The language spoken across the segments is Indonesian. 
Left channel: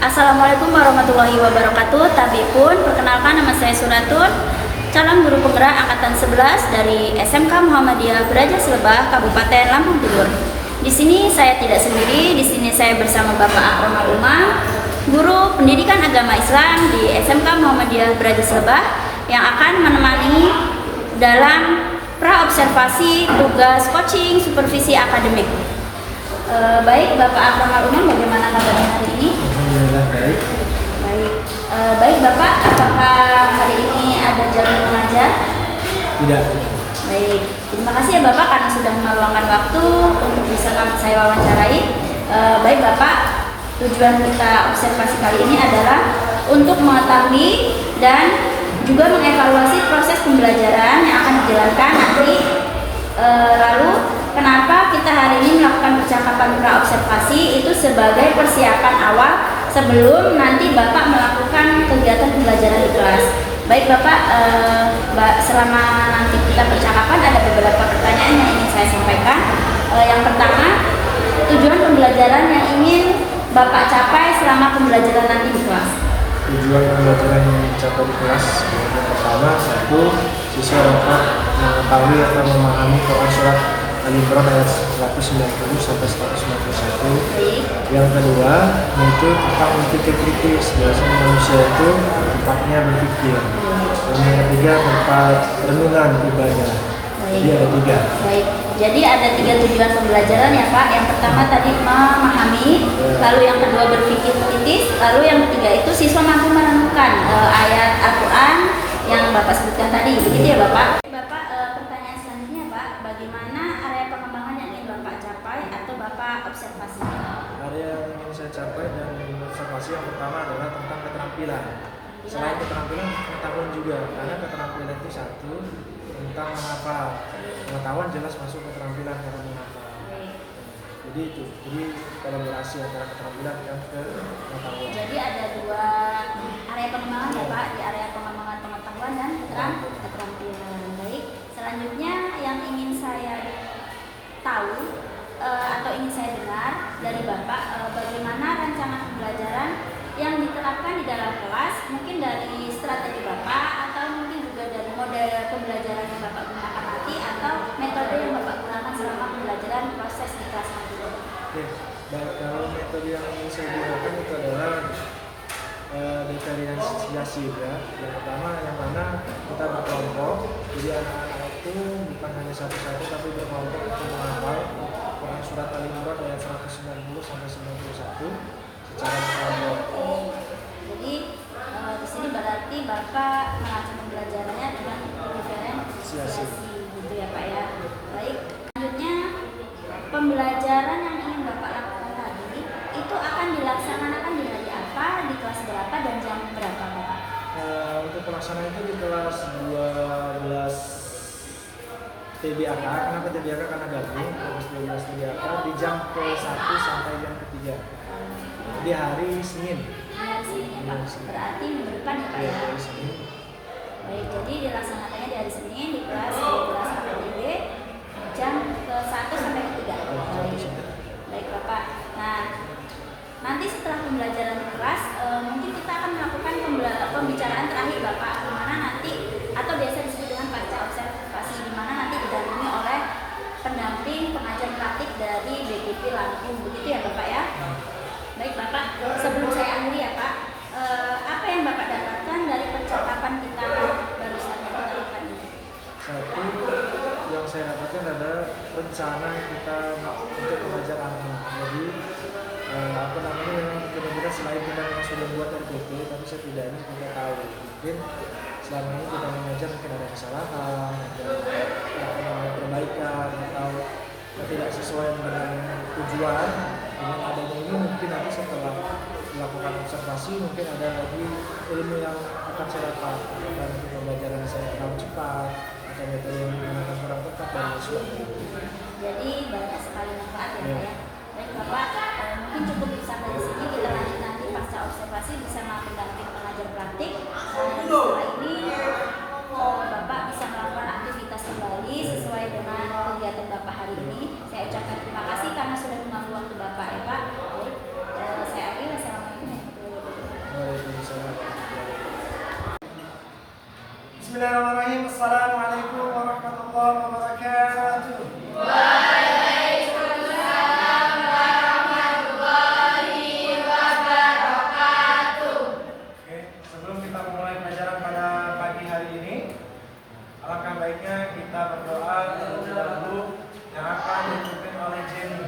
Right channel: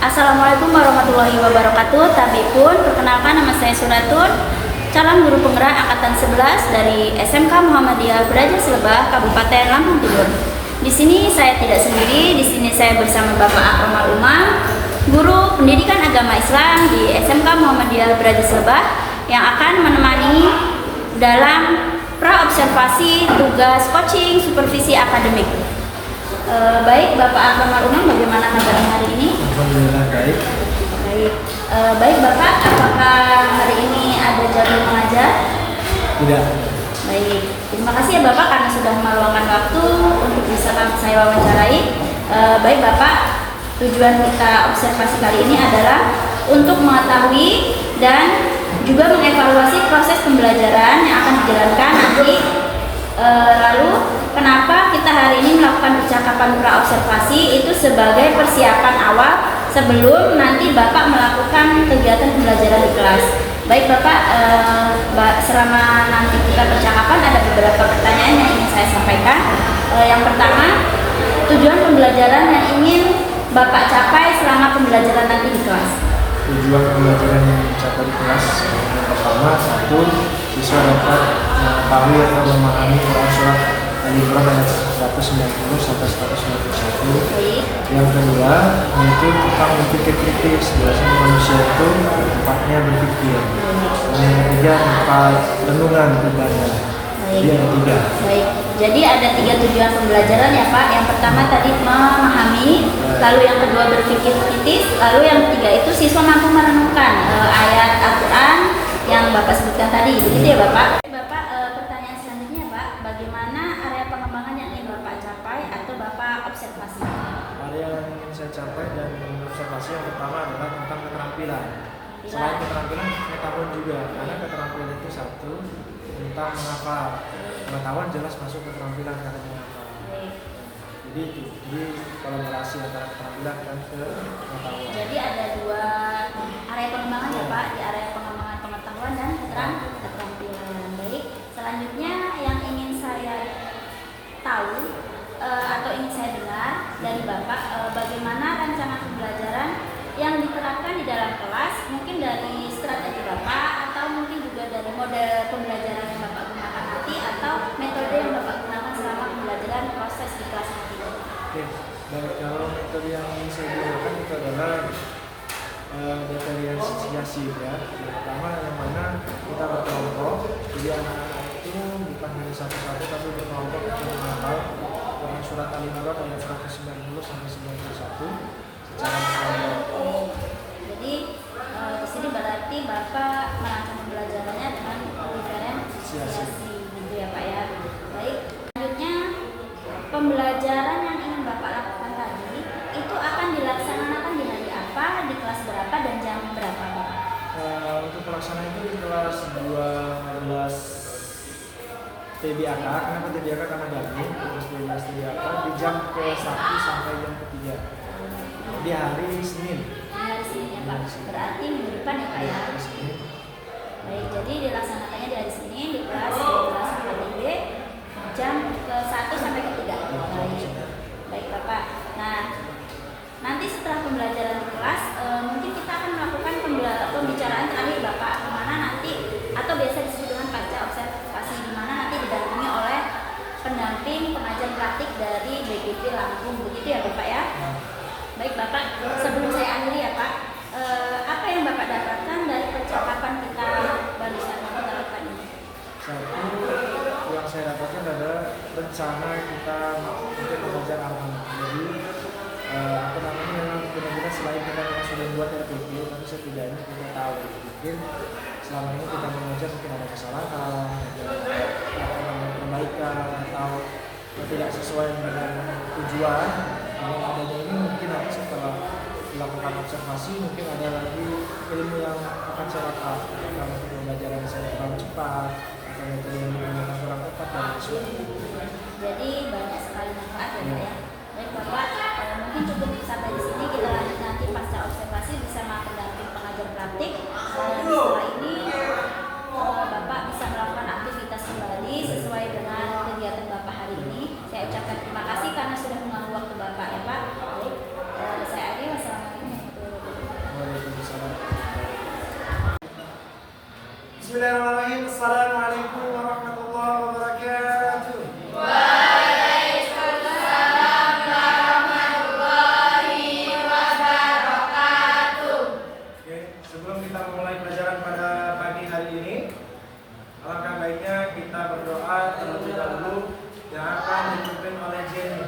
Assalamualaikum warahmatullahi wabarakatuh. Tabipun, perkenalkan nama saya Suratun, calon guru penggerak angkatan 11 dari SMK Muhammadiyah Berajas Lebah, Kabupaten Lampung Timur. Di sini saya tidak sendiri, di sini saya bersama Bapak Akromal Umar, guru pendidikan agama Islam di SMK Muhammadiyah Berajas Lebah yang akan menemani dalam praobservasi tugas coaching supervisi akademik. Baik, Bapak Akromal Umar, bagaimana kabarnya hari ini? Alhamdulillah baik. Baik Bapak, apakah hari ini ada jadwal mengajar? Tidak. Baik, terima kasih ya Bapak karena sudah meluangkan waktu untuk bisa saya wawancarai. Baik Bapak, tujuan kita observasi kali ini adalah untuk mengetahui dan juga mengevaluasi proses pembelajaran yang akan dijalankan nanti. Lalu kenapa kita hari ini melakukan percakapan praobservasi itu sebagai persiapan awal sebelum nanti Bapak melakukan kegiatan pembelajaran di kelas. Baik Bapak, selama nanti kita percakapan ada beberapa pertanyaan yang ingin saya sampaikan. Yang pertama, tujuan pembelajaran yang ingin Bapak capai selama pembelajaran nanti di kelas. Tujuan pembelajaran yang dicapai di kelas yang pertama, satu, bisa dapat mengetahui atau memahami Quran surat Al-Imran ayat 190 sampai 191. Yang kedua, mungkin tentang berpikir kritis. Biasanya manusia itu tempatnya berpikir. Dan yang ketiga, tempat renungan ibadah. Jadi ada tiga. Baik, jadi ada tiga tujuan pembelajaran ya Pak. Yang pertama tadi memahami, lalu yang kedua berpikir kritis, lalu yang ketiga itu siswa mampu merenungkan ayat Al-Quran yang Bapak sebutkan tadi. Begitu ya Bapak? Bapak, pertanyaan selanjutnya Pak, bagaimana area pengembangan yang ingin Bapak capai atau Bapak observasi? Area yang ingin saya capai dan observasi yang pertama adalah tentang keterampilan. Selain keterampilan, pengetahuan juga. Karena keterampilan itu satu, tentang menghafal. Pengetahuan jelas masuk keterampilan karena menghafal. Jadi itu, jadi kolaborasi antara keterampilan dan pengetahuan. Jadi ada dua area pengembangan ya Pak, di area pengembangan pengetahuan dan keterampilan. Baik, selanjutnya yang ingin saya tahu atau ingin saya dengar dari Bapak, bagaimana rancangan pembelajaran yang diterapkan di dalam kelas, mungkin dari strategi Bapak atau mungkin juga dari model pembelajaran yang Bapak gunakan nanti atau metode yang Bapak gunakan selama pembelajaran proses di kelas nanti. Oke, baik, kalau metode yang ingin saya gunakan itu adalah diferensiasi ya. Yang pertama yang mana kita berkelompok, jadi anak-anak itu bukan hanya satu-satu tapi berkelompok untuk menghafal Quran surat Al-Imran ayat 190 sampai 91 secara berkelompok. Jadi di sini berarti Bapak merancang pembelajarannya dengan diferensiasi gitu ya Pak ya. Baik, selanjutnya pembelajaran yang ingin Bapak lakukan tadi itu akan dilaksanakan di hari apa, di kelas berapa dan jam berapa Bapak? Untuk pelaksanaan itu di kelas 12 TDAK. Kenapa TDAK? Karena gabung 12 TDAK di jam ke-1 sampai jam ke-3 di hari Senin. Hari Senin ya Pak, berarti minggu depan ya Pak ya? Hari Senin. Baik, jadi dilaksanakannya di hari Senin di kelas 12 APD jam ke-1 sampai ke-3. Baik Bapak. Nah, nanti setelah pembelajaran di kelas, mungkin kita akan melakukan pembicaraan terakhir Bapak, di mana nanti atau biasa disebut dengan pasca observasi, di mana nanti didampingi oleh pendamping pengajar praktik dari BPP Lampung, begitu ya Bapak ya? Baik Bapak, sebelum saya akhiri ya Pak, apa yang Bapak dapatkan dari percakapan kita barusan yang kita lakukan ini? Satu, yang saya dapatkan adalah rencana kita untuk mengajar anak-anak. Jadi memang benar-benar selain kita memang sudah buat RPP, tapi setidaknya kita tahu mungkin selama ini kita mengajar mungkin ada kesalahan, ada perbaikan atau tidak sesuai dengan tujuan. Dengan adanya ini mungkin nanti setelah melakukan observasi mungkin ada lagi ilmu yang akan saya dapat, apakah nanti pembelajaran saya terlalu cepat atau metode yang digunakan kurang tepat dan lain-lain. Jadi banyak sekali manfaat ya Pak ya. Baik Bapak, mungkin cukup sampai di sini, kita lanjut nanti pasca observasi bersama pendamping pengajar praktik. Dan setelah ini Bapak bisa melakukan aktivitas kembali sesuai dengan kegiatan Bapak hari ini. Saya ucapkan terima kasih karena sudah mengganggu waktu Bapak ya Pak. Saya akhiri, wassalamualaikum warahmatullahi wabarakatuh. Bismillahirrahmanirrahim. Assalamualaikum warahmatullahi wabarakatuh. Oke, sebelum kita memulai pelajaran pada pagi hari ini, alangkah baiknya kita berdoa terlebih dahulu yang akan dipimpin oleh Jenny.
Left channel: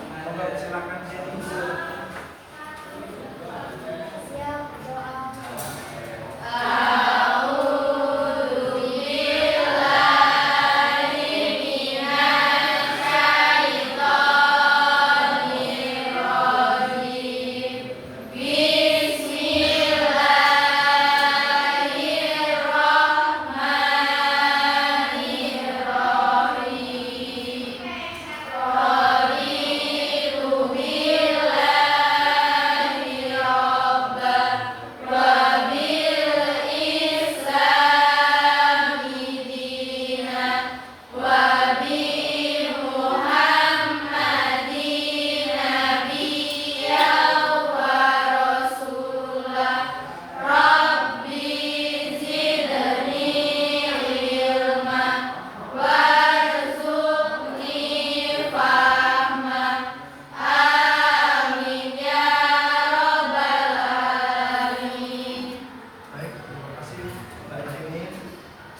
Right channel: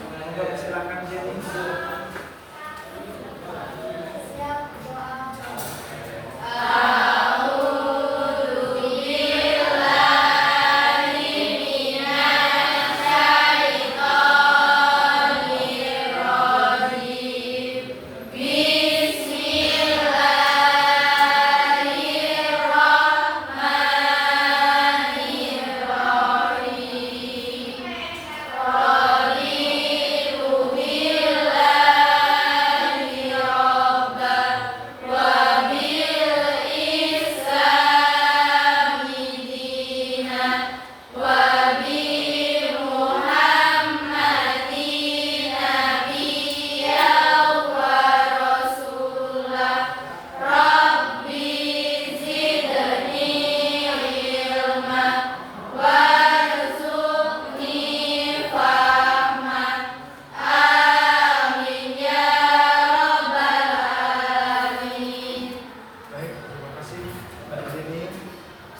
Moga silakan Jenny. Siap doa.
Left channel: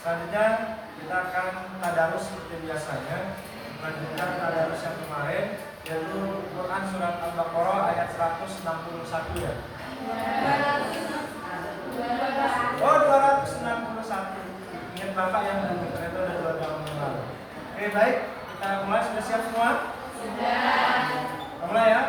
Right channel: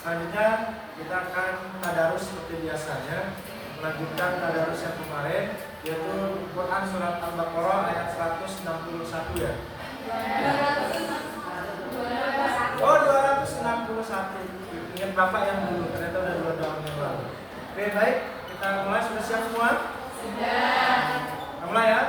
Selanjutnya kita akan tadarus seperti biasanya, melanjutkan tadarus yang kemarin, yaitu Quran surat Al-Baqarah ayat 161 ya. Oh 261. Ingat Bapak yang dulu, ternyata udah 2 tahun yang lalu. Oke baik, kita mulai. Sudah siap semua? Sudah. Kita mulai ya.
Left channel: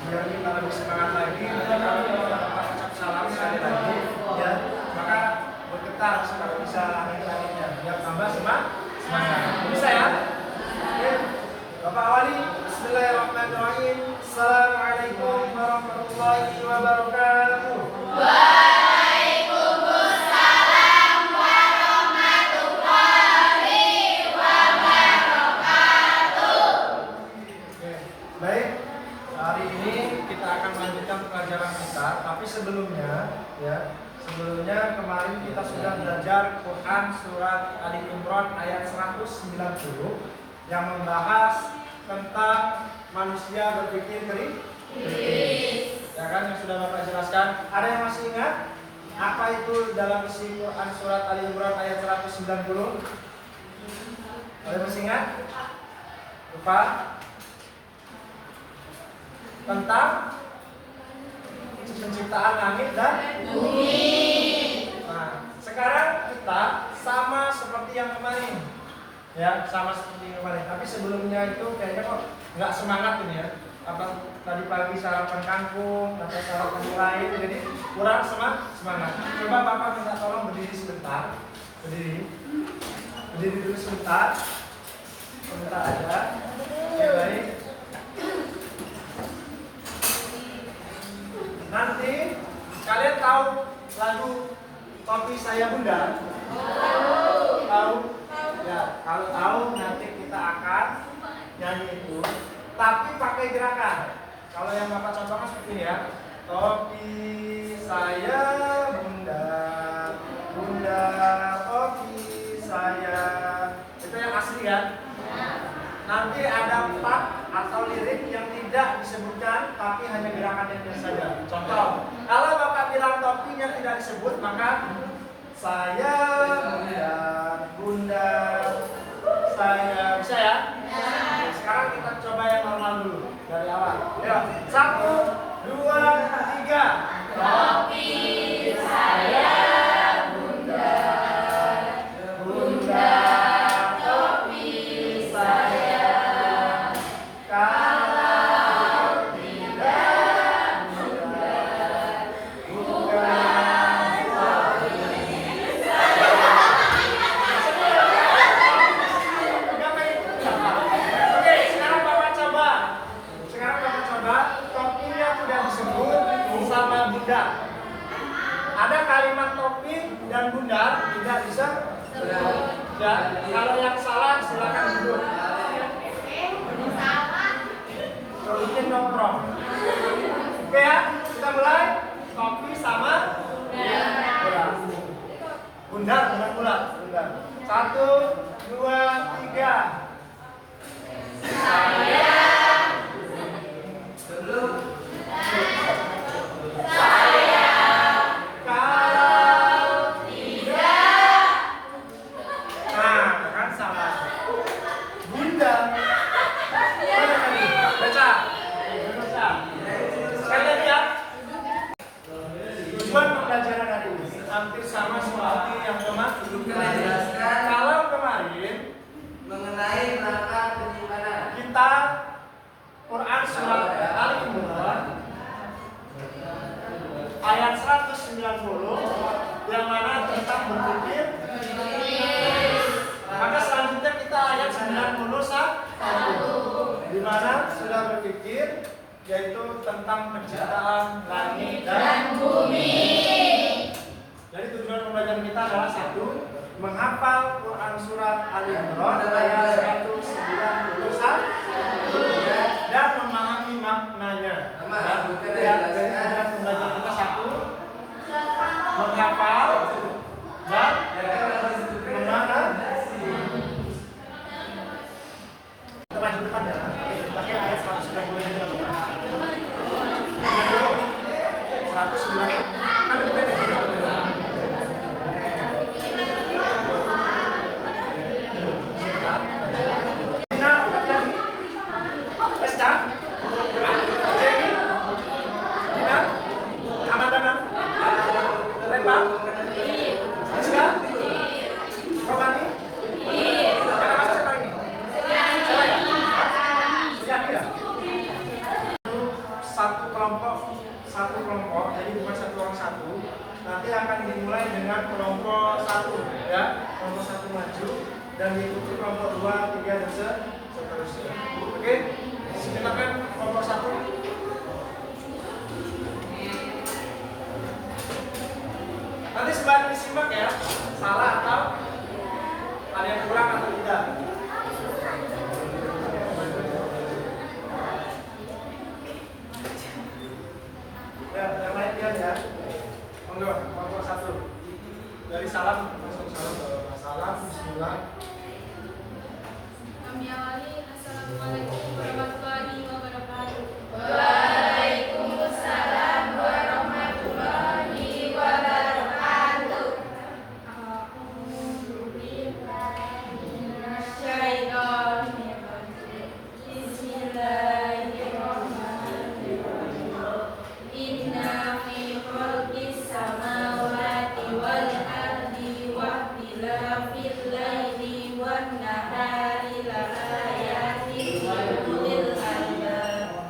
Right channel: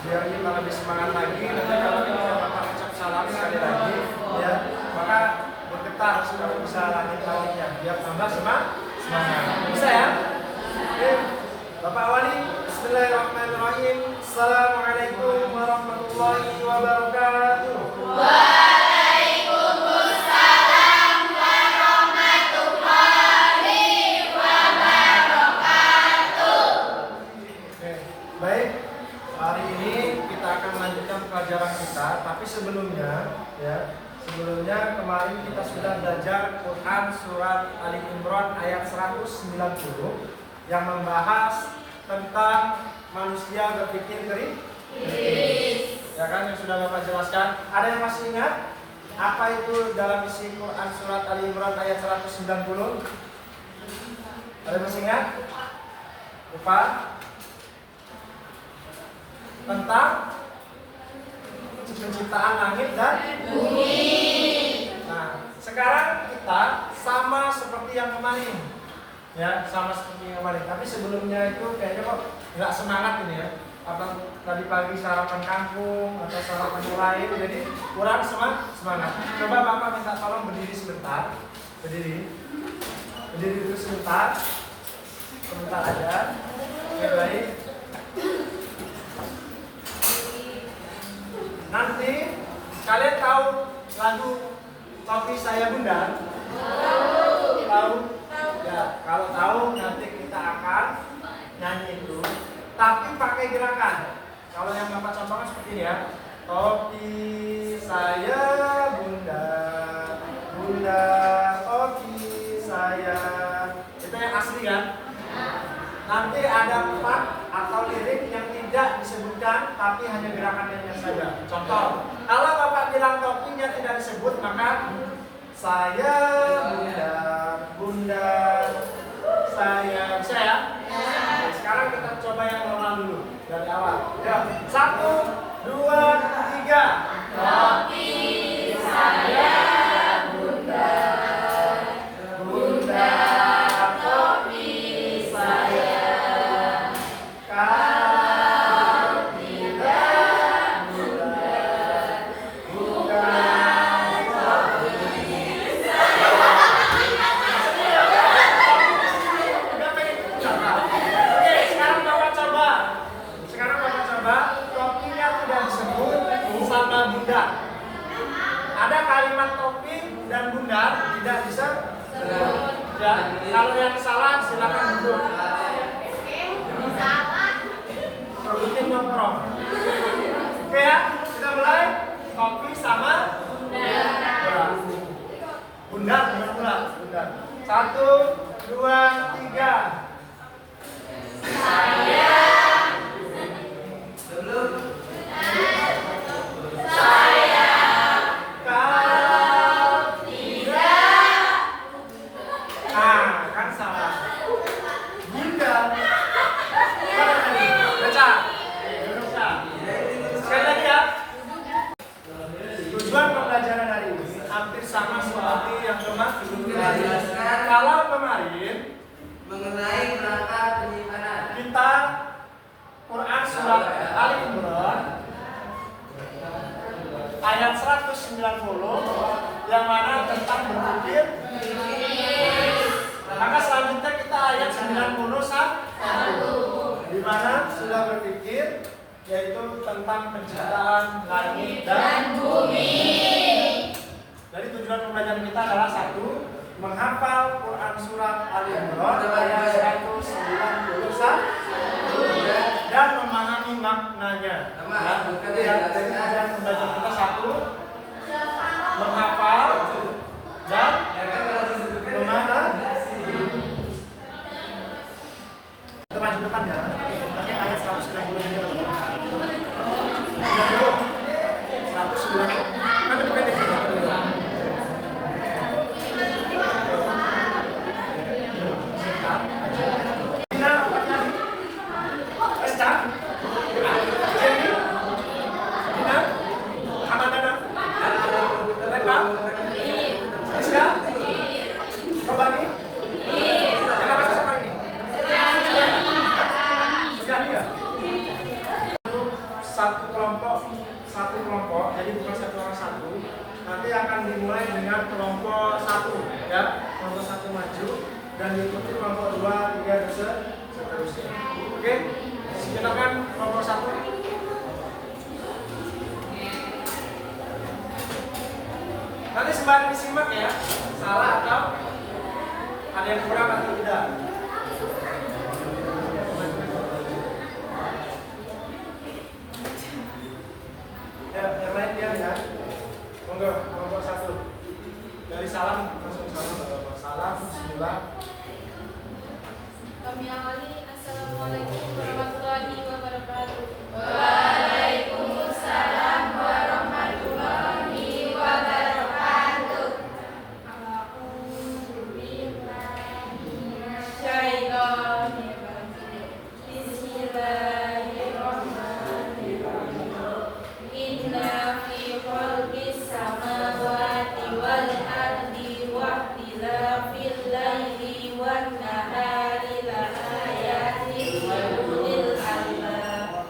Biar kita lebih semangat lagi, nanti kalau kita ucap salam sekali lagi, ya maka bergetar supaya bisa langit-langitnya, biar tambah semangat. Bisa ya? Oke, Bapak Wali, Bismillahirrahmanirrahim. Assalamualaikum warahmatullahi wabarakatuh. Baik, hari ini kita akan melanjutkan pelajaran kita, tapi sebelumnya kemarin kita sudah belajar Quran surat Ali Imran ayat 190 yang membahas tentang manusia berpikir keris. Ya kan, yang sudah Bapak jelaskan. Ada yang masih ingat apa itu dalam isi Quran surat Ali Imran ayat 190? Ada yang masih ingat? Lupa? Tentang penciptaan langit dan bumi. Nah, sekarang kita sama seperti yang kemarin, ya, sama seperti yang kemarin. Tapi sebelumnya itu kayaknya kok nggak semangat ini ya. Apa tadi pagi sarapan kangkung atau sarapan yang lain, jadi kurang semangat. Coba Bapak minta tolong berdiri sebentar, berdiri dulu sebentar aja. Oke, baik. Nanti kalian tahu lagu Kopi Saya Bunda? Tahu? Ya, kalau tahu nanti kita akan nyanyi itu, tapi pakai gerakan. Kalau yang Bapak contohkan seperti ini ya. Kopi saya Bunda, Bunda Oki sayang. Itu yang asli kan? Nanti ada part atau lirik yang tidak disebutkan tapi hanya gerakannya saja. Contoh, kalau Bapak bilang topinya tidak disebut maka saya bunda saya bisa ya? Oke, sekarang kita coba yang normal dulu dari awal. Ya, 1, 2, 3. Topi saya bunda, bunda topi saya. Kalau tidak bunda, bunda Oke, sekarang Bapak coba. Topinya tidak disebut sama bunda. Ada kalimat topi dan bundar tidak bisa. Ya, kalau yang salah silakan duduk. Produktif nongkrong. Oke ya, kita mulai. Topi sama bundar. Bundar bukan bulat, bundar. 1, 2, 3. Kan salah. Bunda. Mana tadi? Baca. Sekali lagi ya. Tujuan pembelajaran hari ini hampir sama seperti yang kemarin. Kalau kemarin mengenai rangka penyimpanan kita Quran surat Ali Imran ayat 190 yang mana tentang berpikir. Maka selanjutnya kita ayat 91 di mana sudah berpikir yaitu tentang penciptaan langit dan bumi. Jadi tujuan pembelajaran kita adalah 1, menghafal Quran surat Ali Imran ayat 191 dan memahami maknanya. Jadi tujuan pembelajaran kita 1, menghafal dan memahami. Maju depan ya, pakai ayat 190. 1 kelompok, jadi bukan 1 orang 1. Nanti akan dimulai dengan kelompok 1 ya, kelompok 1 maju dan diikuti kelompok 2, 3 dan seterusnya. Oke, silakan kelompok 1. Nanti sembari disimak ya, salah atau ada yang kurang atau tidak. Ya, yang lain dia ya. Monggo, kelompok 1. Dari salam langsung salam, bismillah. Kami awali. Assalamualaikum warahmatullahi wabarakatuh. Waalaikumsalam warahmatullahi wabarakatuh. Bismillahirrahmanirrahim. Inna fi khalqis samawati wal ardi wa ikhtilafil laili wan nahari la ayatin liul albab.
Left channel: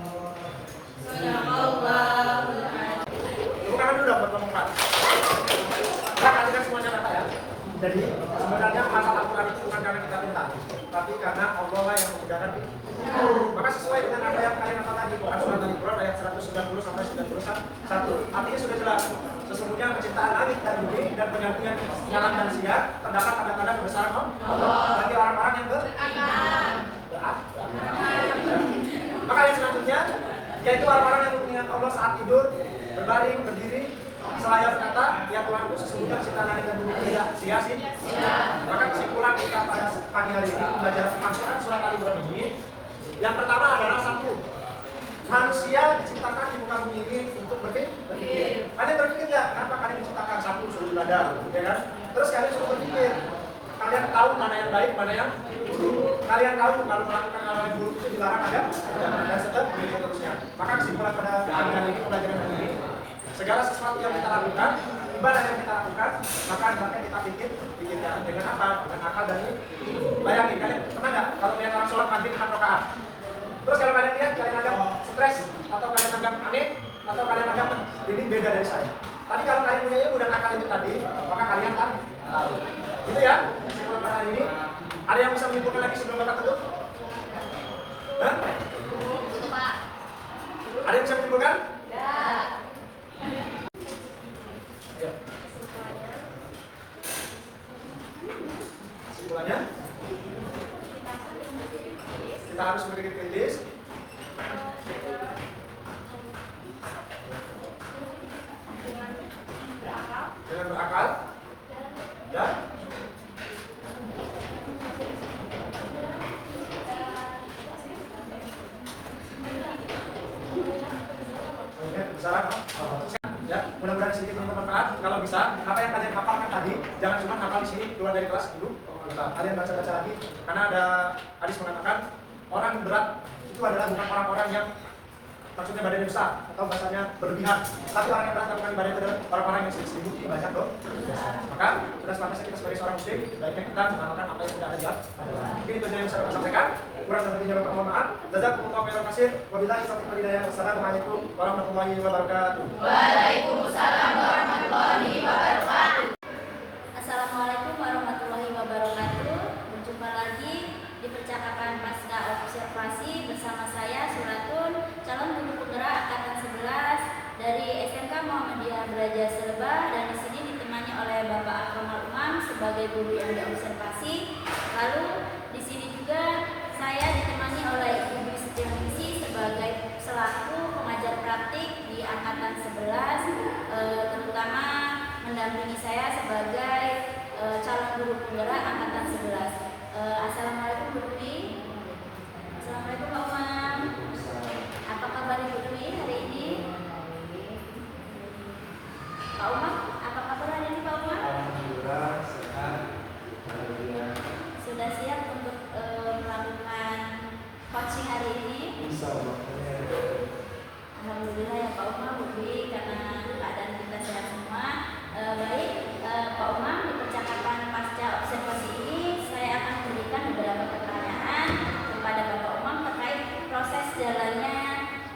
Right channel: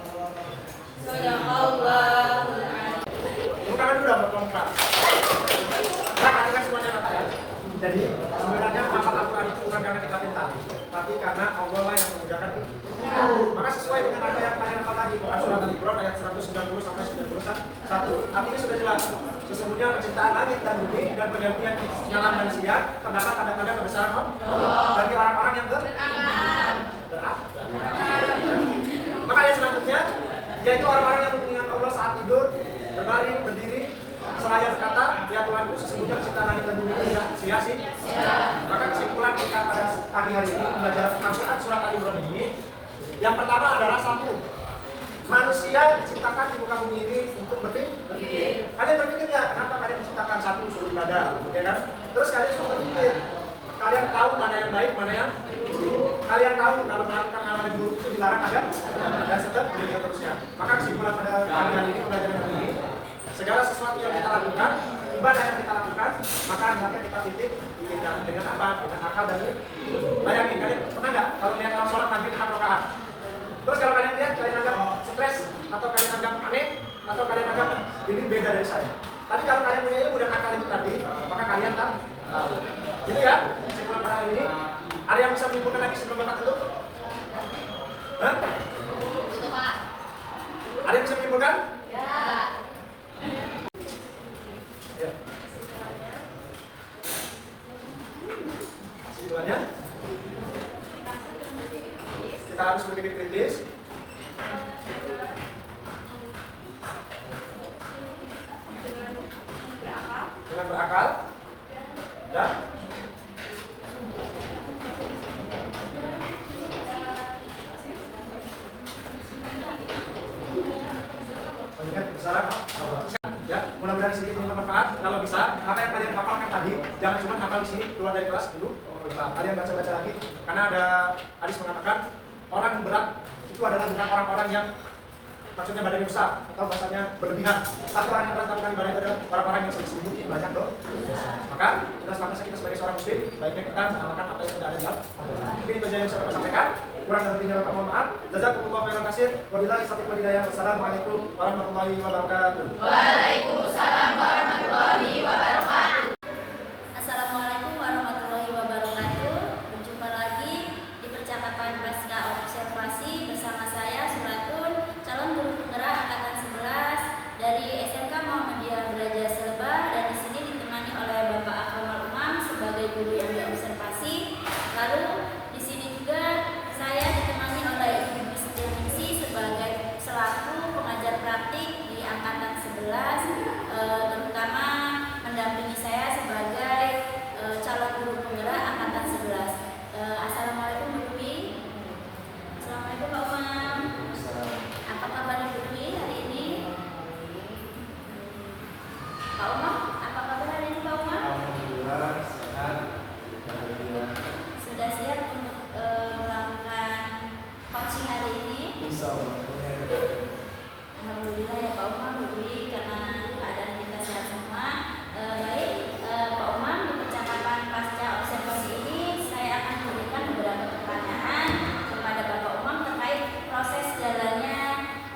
Sadaqallahul azim. Bukan dulu dapat kelompok. Kan semuanya kata ya. Jadi sebenarnya hafal Al-Quran itu bukan karena kita minta, tapi karena Allah lah yang memudahkan itu. Maka sesuai dengan apa yang kalian hafal tadi, Quran surat Al-Imran ayat 190 sampai 91. Artinya sudah jelas. Sesungguhnya penciptaan langit dan bumi dan pergantian malam dan siang terdapat tanda-tanda kebesaran Allah bagi orang-orang yang berakal. Maka yang selanjutnya yaitu orang-orang yang mengingat Allah saat tidur, berbaring, berdiri, Seraya berkata, ya Tuhanku, sesungguhnya pencipta langit dan bumi tidak sia-sia. Maka kesimpulan kita pada pagi hari ini belajar Al-Quran surat Al-Imran ini, yang pertama adalah satu, manusia diciptakan di muka bumi ini untuk berpikir. Kalian berpikir ya, kenapa kalian diciptakan satu suruh ibadah, ya kan? Terus kalian suruh berpikir. Kalian tahu mana yang baik, mana yang buruk. Kalian tahu kalau melakukan hal yang buruk itu dilarang ada dan seterusnya. Maka kesimpulan pada pagi ini pelajaran hari ini, segala sesuatu yang kita lakukan, ibadah yang kita lakukan, maka hendaknya kita pikirkan dengan apa? Dengan akal dan ini. Bayangin, kalian pernah nggak kalau lihat orang sholat maghrib 6 rakaat? Terus kalau kalian lihat, kalian anggap stres, atau kalian anggap aneh, atau kalian anggap ini beda dari saya. Tapi kalau kalian punya ilmu dan akal itu tadi, maka kalian tahu. Gitu ya, kesimpulan pada hari ini. Ada yang bisa menyimpulkan lagi sebelum Bapak tutup? Hah? Ada yang bisa menyimpulkan? Ya. Kesimpulannya? Kita harus berpikir kritis. Dengan berakal. Dan salah, ya, mudah-mudahan sini bermanfaat. Kalau bisa, apa yang kalian hafalkan tadi, jangan cuma hafal di sini, keluar dari kelas dulu. Kalian baca-baca lagi, karena ada hadis mengatakan orang berat itu adalah bukan orang-orang yang maksudnya badannya besar atau bahasanya berlebihan. Tapi orang yang berat bukan badan adalah orang-orang yang sering banyak loh. Maka sudah selanjutnya kita sebagai seorang muslim, baiknya kita mengamalkan apa yang sudah ada di dalam. Mungkin itu saja yang bisa saya sampaikan. Kurang dan lebihnya mohon maaf. Jazakumullahu khairan katsir. Wabillahi taufiq wal hidayah. Wassalamualaikum warahmatullahi wabarakatuh. Waalaikumsalam warahmatullahi wabarakatuh. Assalamualaikum warahmatullahi wabarakatuh. Berjumpa lagi di percakapan pasca observasi bersama saya Suratun, calon guru penggerak angkatan 11 dari SMK Muhammadiyah Belajar Selebah, dan di sini ditemani oleh Bapak Akromal Umam sebagai guru yang diobservasi. Lalu di sini juga saya ditemani oleh Ibu Siti sebagai selaku pengajar praktik di angkatan 11, terutama mendampingi saya sebagai calon guru penggerak angkatan 11. Assalamualaikum Bu Dwi. Assalamualaikum Pak Umam. Apa kabar Ibu Dwi hari ini? Pak Umam, apa kabar hari ini Pak Umam? Alhamdulillah sehat. Sudah siap untuk melakukan coaching hari ini? Insyaallah. Alhamdulillah ya Pak Umam, Bu Dwi, karena keadaan kita sehat semua. Baik, Pak Umam, di percakapan pasca observasi ini saya akan memberikan beberapa pertanyaan kepada Bapak Umam terkait proses jalannya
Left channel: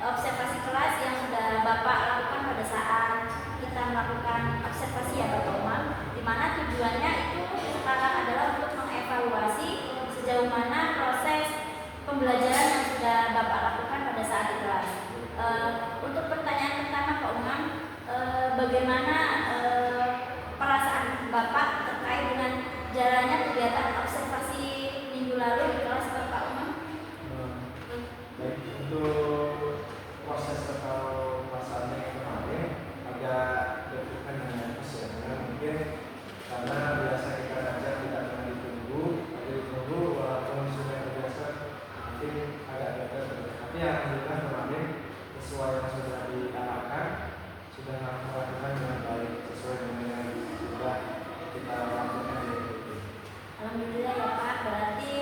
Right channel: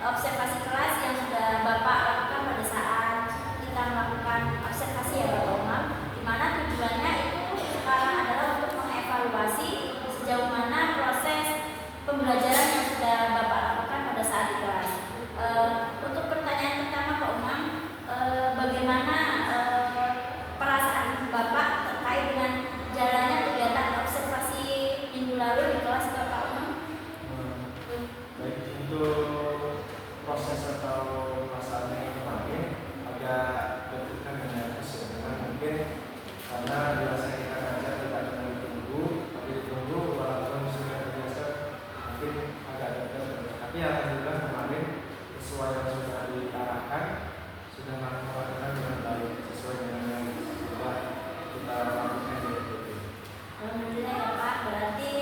observasi kelas yang sudah Bapak lakukan pada saat kita melakukan observasi ya Bapak Umam, di mana tujuannya itu sekarang adalah untuk mengevaluasi sejauh mana proses pembelajaran yang sudah Bapak lakukan pada saat di kelas. Untuk pertanyaan pertama Pak Umam, bagaimana perasaan Bapak terkait dengan jalannya kegiatan observasi minggu lalu di kelas Bapak Umam? Baik, untuk proses atau perasaannya yang kemarin agak berkaitan dengan nervous ya, karena mungkin karena biasa kita ngajar tidak pernah ditunggu, tapi ditunggu walaupun sudah terbiasa mungkin agak terus. Tapi alhamdulillah kemarin sesuai yang sudah diarahkan sudah melakukan dengan baik sesuai dengan yang sudah kita lakukan di RPP. Alhamdulillah ya Pak, berarti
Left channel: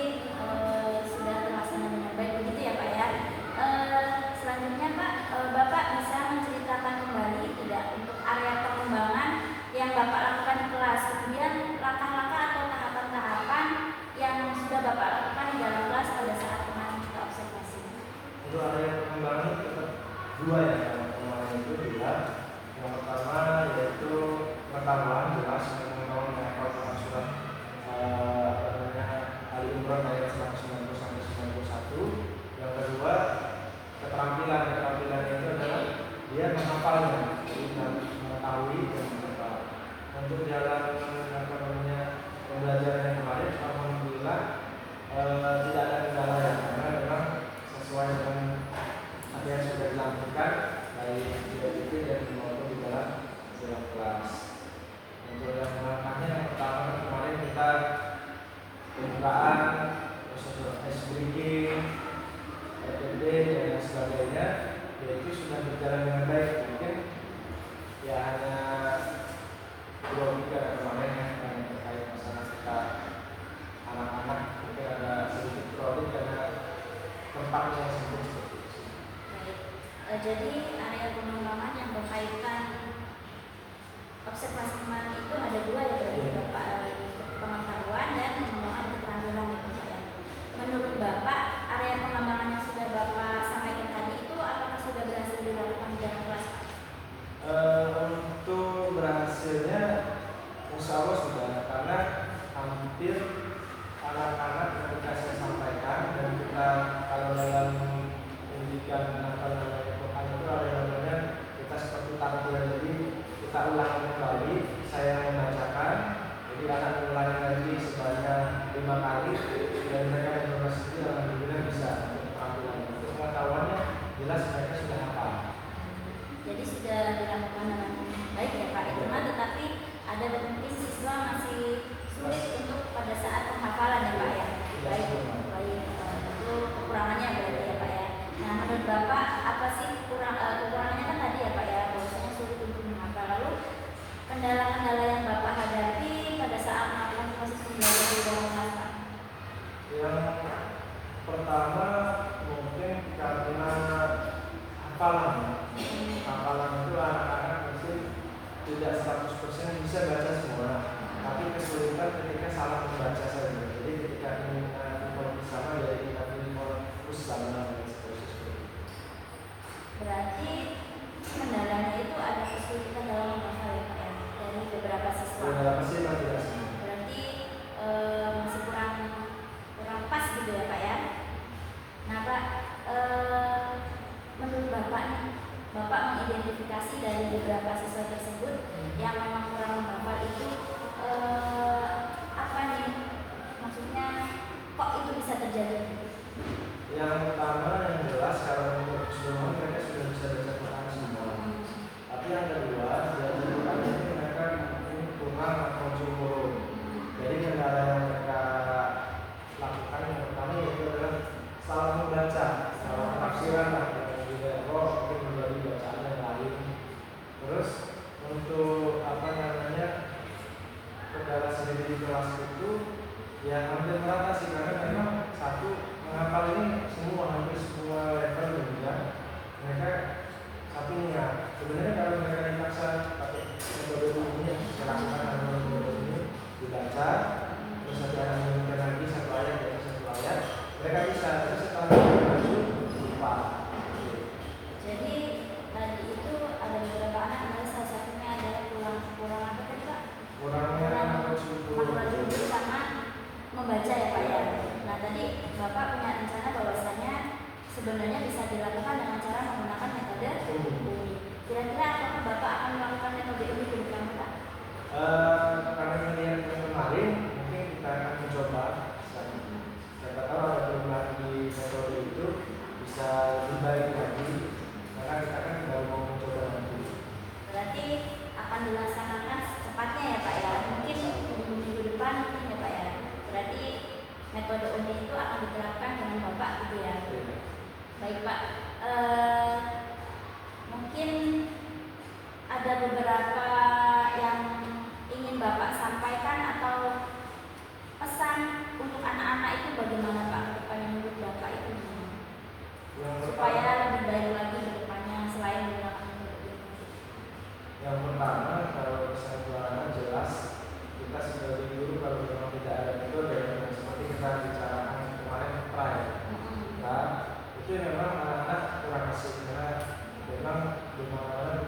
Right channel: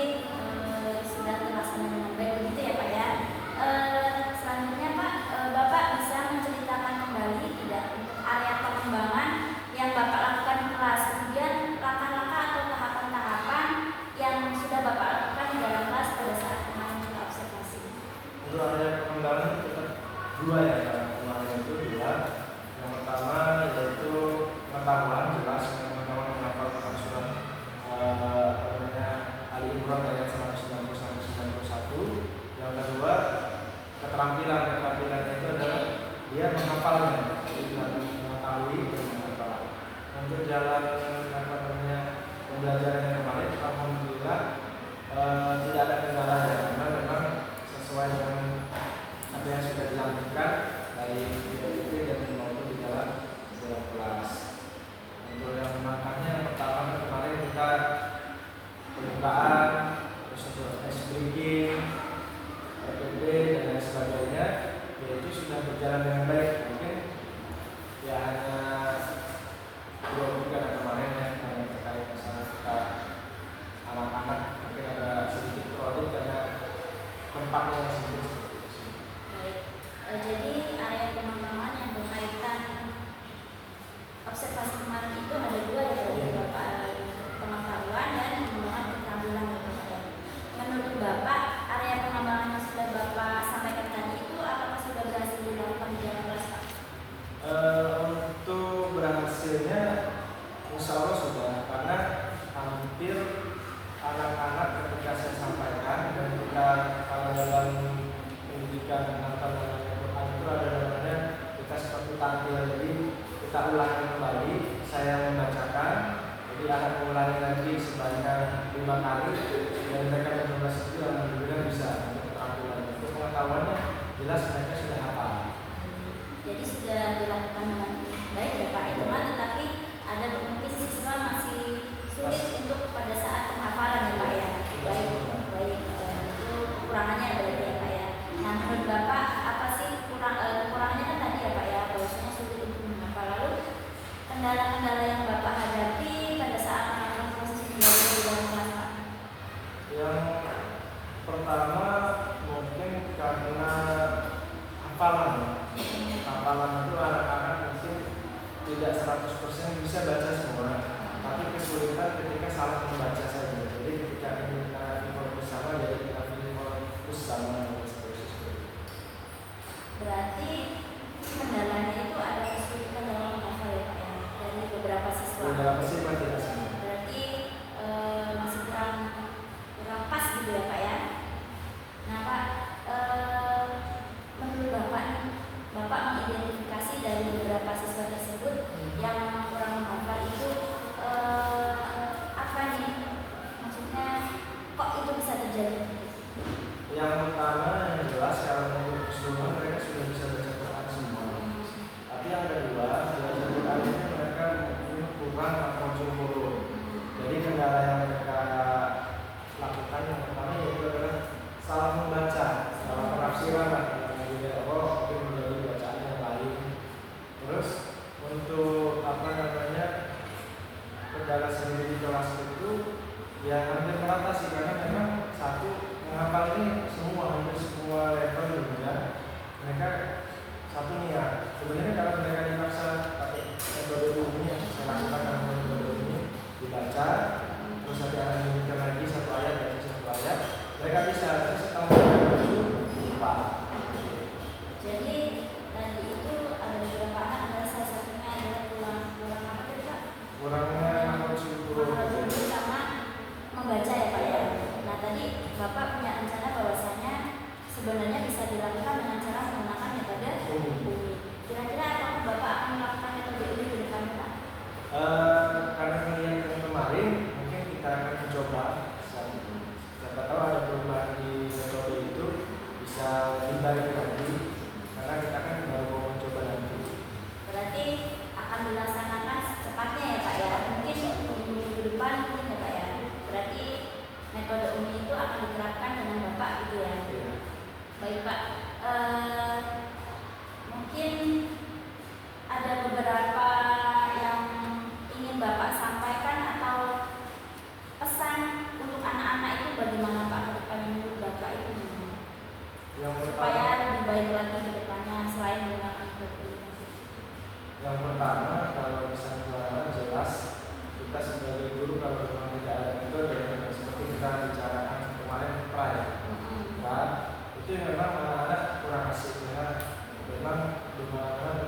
sudah terlaksana dengan baik begitu ya Pak ya. Selanjutnya Pak, Bapak bisa menceritakan kembali tidak untuk area pengembangan yang Bapak lakukan di kelas, kemudian langkah-langkah atau tahapan-tahapan yang sudah Bapak lakukan di dalam kelas pada saat kemarin kita observasi. Untuk area pengembangan kita dua ya, kemarin itu dua. Yang pertama yaitu pengetahuan, jelas pengetahuan menghafal Quran surat Ali Imran ayat 190 sampai 91. Yang kedua keterampilan itu adalah dia menghafalnya, jadi mengetahui dan menghafal. Untuk jalan pembelajaran yang kemarin, alhamdulillah tidak ada kendala ya, karena memang sesuai dengan apa yang sudah dilakukan baik di RPP dan maupun di dalam tartil. Jadi kita ulangi kembali, saya membacakan, jadi akan mengulangi lagi sebanyak 5 kali dan mereka mencoba sendiri alhamdulillah bisa untuk keterampilan. Untuk pengetahuannya jelas mereka sudah hafal. Jadi sudah dilakukan dengan baik ya Pak. Cuma tetapi ada mungkin siswa masih sulit untuk pada saat penghafalan ya Pak ya. Baik, baik. Itu kekurangannya berarti ya Pak ya. Nah menurut Bapak apa sih kekurangannya kan tadi ya Pak ya, bahwasanya sulit untuk menghafal. Lalu kendala-kendala yang Bapak hadapi pada saat melakukan proses pembelajaran di dalam kelas Pak? Yang pertama mungkin karena hafalan. Hafalan itu anak-anak mungkin tidak 100% bisa baca semua, tapi kesulitan ketika salah membaca saja. Jadi ketika kita fokus sama, jadi kita fokus sama seperti itu. Berarti kendalanya itu ada kesulitan dalam menghafal ya Pak ya, dari beberapa siswa. Beberapa sih masih tidak semua. Berarti masih kurang pas gitu ya Pak ya. Nah Pak, menurut Bapak nih, Bapak mengidentifikasi dari beberapa siswa tersebut yang memang kurang menghafal itu apa nih? Maksudnya kok itu bisa terjadi? Yang pertama yang jelas kalau untuk keseluruhan mereka sudah bisa baca Quran semua. Tapi yang kedua, belajar Quran ini mereka mungkin kurang atau jumhur. Jadi kendala yang mereka lakukan yang pertama yaitu adalah salah membaca, salah penafsiran lah. Mungkin menjadi bacaan yang lain. Terus untuk kendala sendiri di kelas itu ya hampir merata sih, karena memang satu menghafal ini hampir semua level gitu ya. Mereka satu niat. Sebenarnya kalau mereka dipaksa pakai metode umum yang saya lakukan dengan metode ini dibaca, terus ada mengingatkan lagi satu ayat dari satu ayat, mereka bisa. Tapi setelah mereka itu lupa. Jadi tadi itu ada beberapa anak, adalah salah satunya adalah kurang apa tadi Pak? Kurangnya makhluk sama membaca ya Pak ya. Nah tadi Bapak punya rencana bahwasanya sebenarnya bisa dilakukan dengan cara menggunakan metode UMI. Kira-kira apakah Bapak akan melakukan metode UMI ke depan Pak? Karena melihat yang kemarin, mungkin kita akan mencoba. Siapa tahu ada perubahan di metode itu bisa lebih baik lagi. Karena kita kan baru mau mencoba nanti. Berarti akan dilaksanakan secepatnya ya Pak ya. Mungkin minggu depan mungkin ya Pak ya. Berarti metode UMI itu akan diterapkan dengan Bapak gitu ya. Baik Pak. Mungkin ada beberapa yang ingin Bapak sampaikan atau pesan untuk anak-anak itu bagaimana Pak ke depannya menurut Bapak itu gimana? Supaya lebih baik lagi ke depannya selain menggunakan metode UMI. Yang pertama, kalau misalnya jelas kita sebagai guru kalau memang tidak ada metode yang seperti kita bicarakan kemarin trial, itu memang anak-anak kurang asik karena memang di mana-mana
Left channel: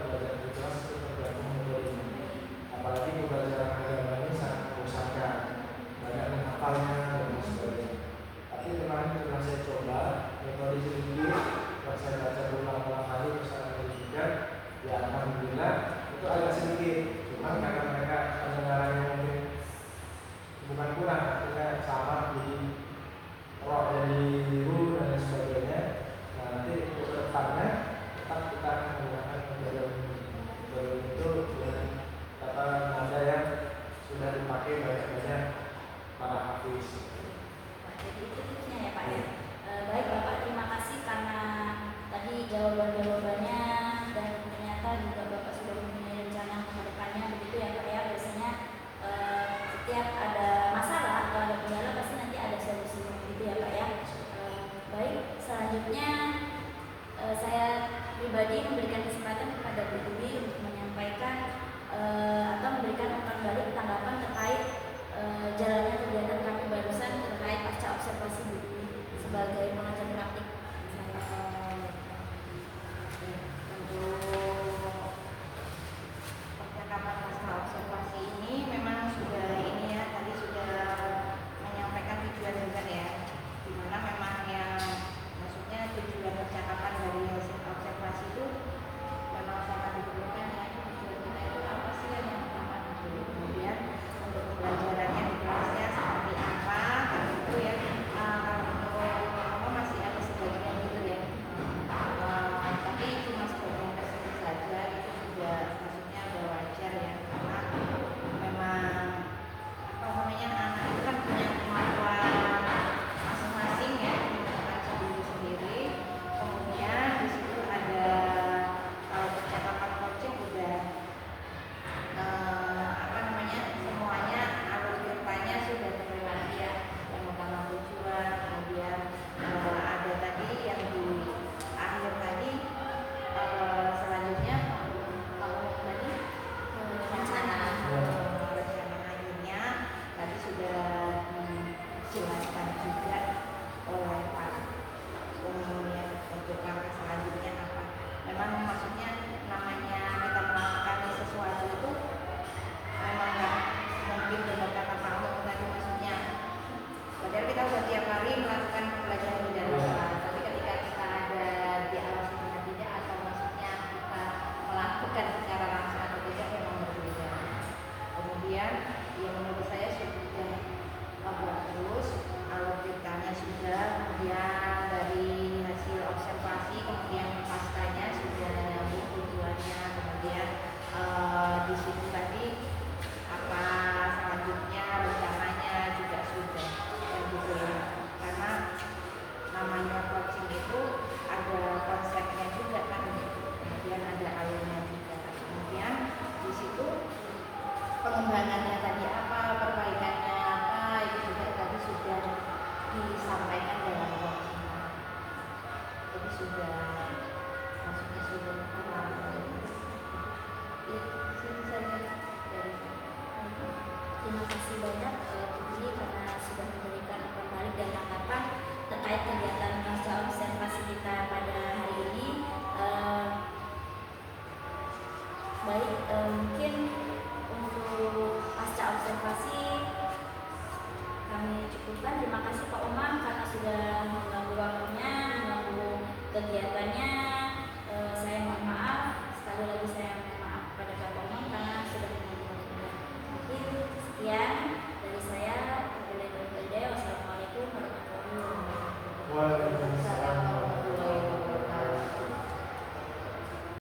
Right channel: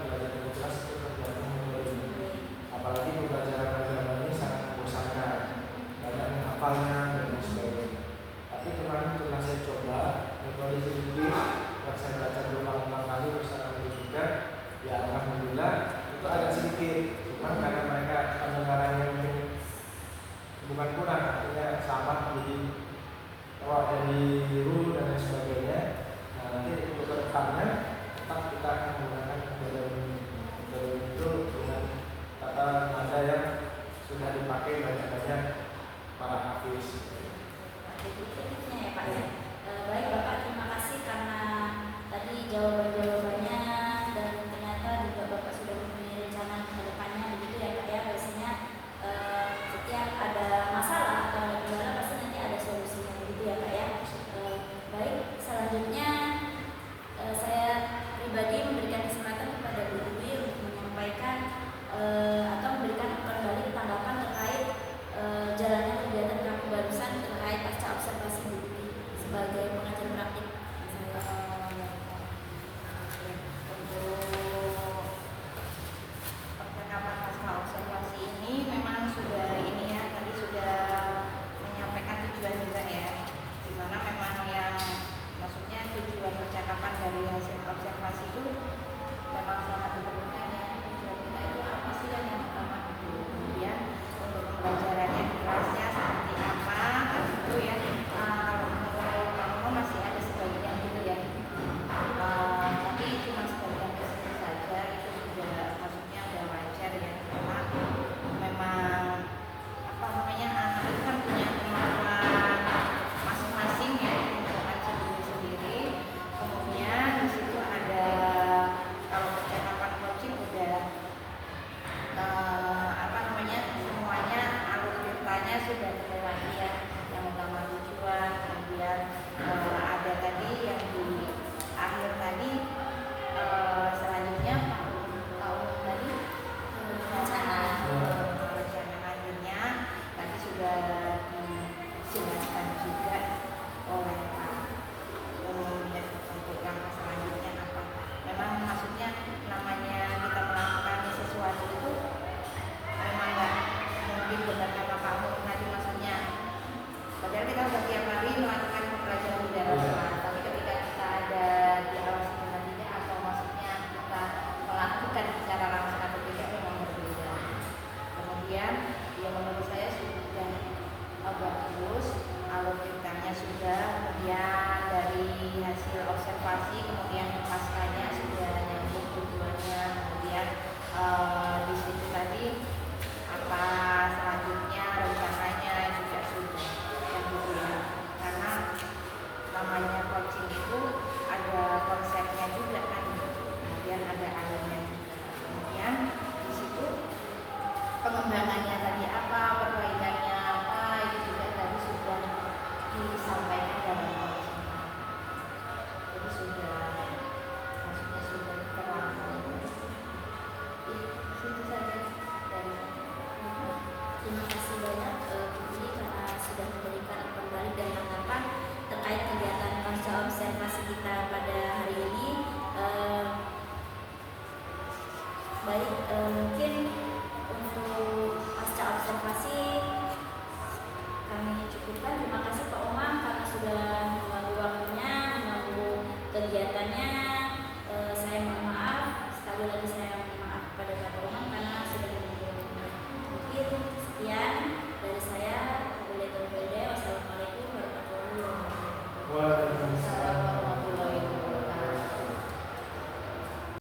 pengembangannya tadi apa, perbaikannya apa, itu juga tadi sudah disampaikan dalam webinar. Jadi sudah maksudnya sudah terlalu itu saja dari Terima kasih banyak Putri karena sudah memberikan umpan balik dan tanggapan terkait kegiatan pasca observasi kita pada hari ini. Mungkin untuk pasca observasi kami cukupkan. Terima kasih Pak Umam karena sudah mengganggu waktunya, mengganggu kegiatannya. Saya mohon maaf, sekali lagi saya mohon maaf kepada Bapak Umam karena